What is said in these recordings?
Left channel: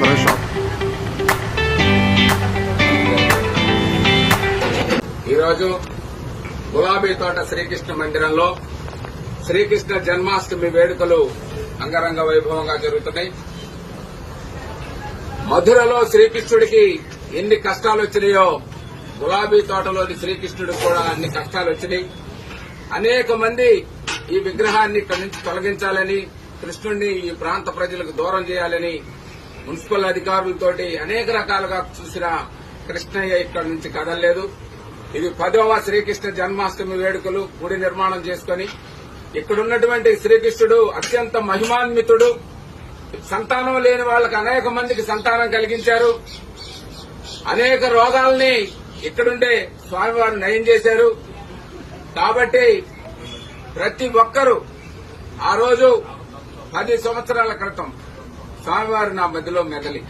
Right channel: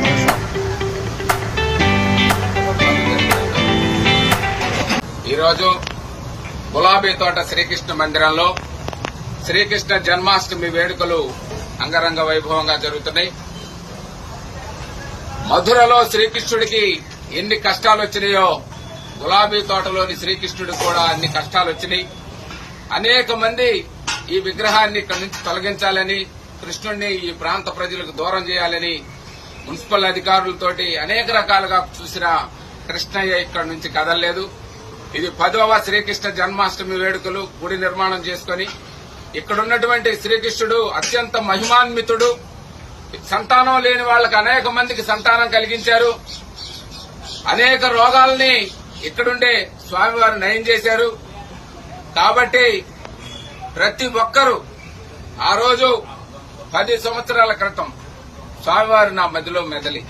Хорошо. ఈరోజు గులాబీ తోట శ్రీకృష్ణ మందిరంలో శ్రీకృష్ణ జన్మాష్టమి వేడుకలు అంగరంగ వైభవంగా జరుగుతున్నాయి. మధురలో శ్రీకృష్ణుడికి ఎన్ని కష్టాలు వచ్చినాయో గులాబీ తోటలోని శ్రీకృష్ణుడికి కూడా అన్ని కష్టాలు వచ్చినాయి అనేక మంది ఈ విగ్రహాన్ని ఇక్కడి నుంచి తొలగించాలని కృష్ణుడిని ఈ ప్రాంత ప్రజలకు దూరం చేయాలని మున్సిపల్ అధికారులతోటి అనేక రకాలుగా చూసిన కృష్ణయ్య ఇక్కడి నుంచి కదలలేదు. ఇది పదవ శ్రీకృష్ణ జన్మాష్టమి వేడుకలు గుడి నిర్మాణం చేసుకుని ఇక్కడున్నటువంటి శ్రీకృష్ణుడు అత్యంత మహిమాన్వితుడు. సంతానం లేని వాళ్ళకి అనేక మందికి సంతానం కలిగించారు. అనేక రోగాల్ని ఇక్కడుండే స్వామివారు నయం చేశారు. కాబట్టి ప్రతి ఒక్కరూ ఆ రోజు పది సంవత్సరాల క్రితం స్వామివారు నా మధ్యలో మెదలి.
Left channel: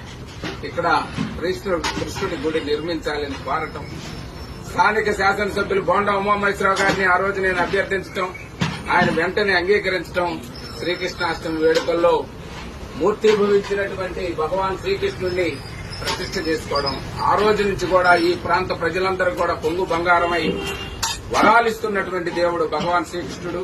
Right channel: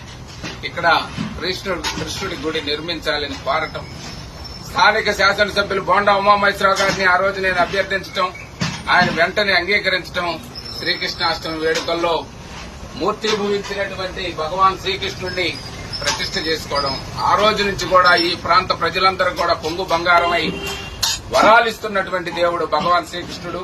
ఇక్కడ కృష్ణుడు కృష్ణుడి గుడి నిర్మించాలని కోరటం. స్థానిక శాసనసభ్యులు బోండా ఉమామహేశ్వరరావు గారిని ఆ రోజు నేను అభ్యర్థించడం ఆయన వెంటనే అంగీకరించడం శ్రీకృష్ణాష్టమి వేడుకల్లో మూర్తిభవించినటువంటి భగవాన్ శ్రీకృష్ణుడిని ప్రతిష్ట చేసుకోవడం. ఆ రోజు నుంచి కూడా ఈ ప్రాంత ప్రజలందరూ కూడా పొంగు బంగారమై వరాలిస్తున్నటువంటి దేవుడు భగవాన్ శ్రీకృష్ణుడు.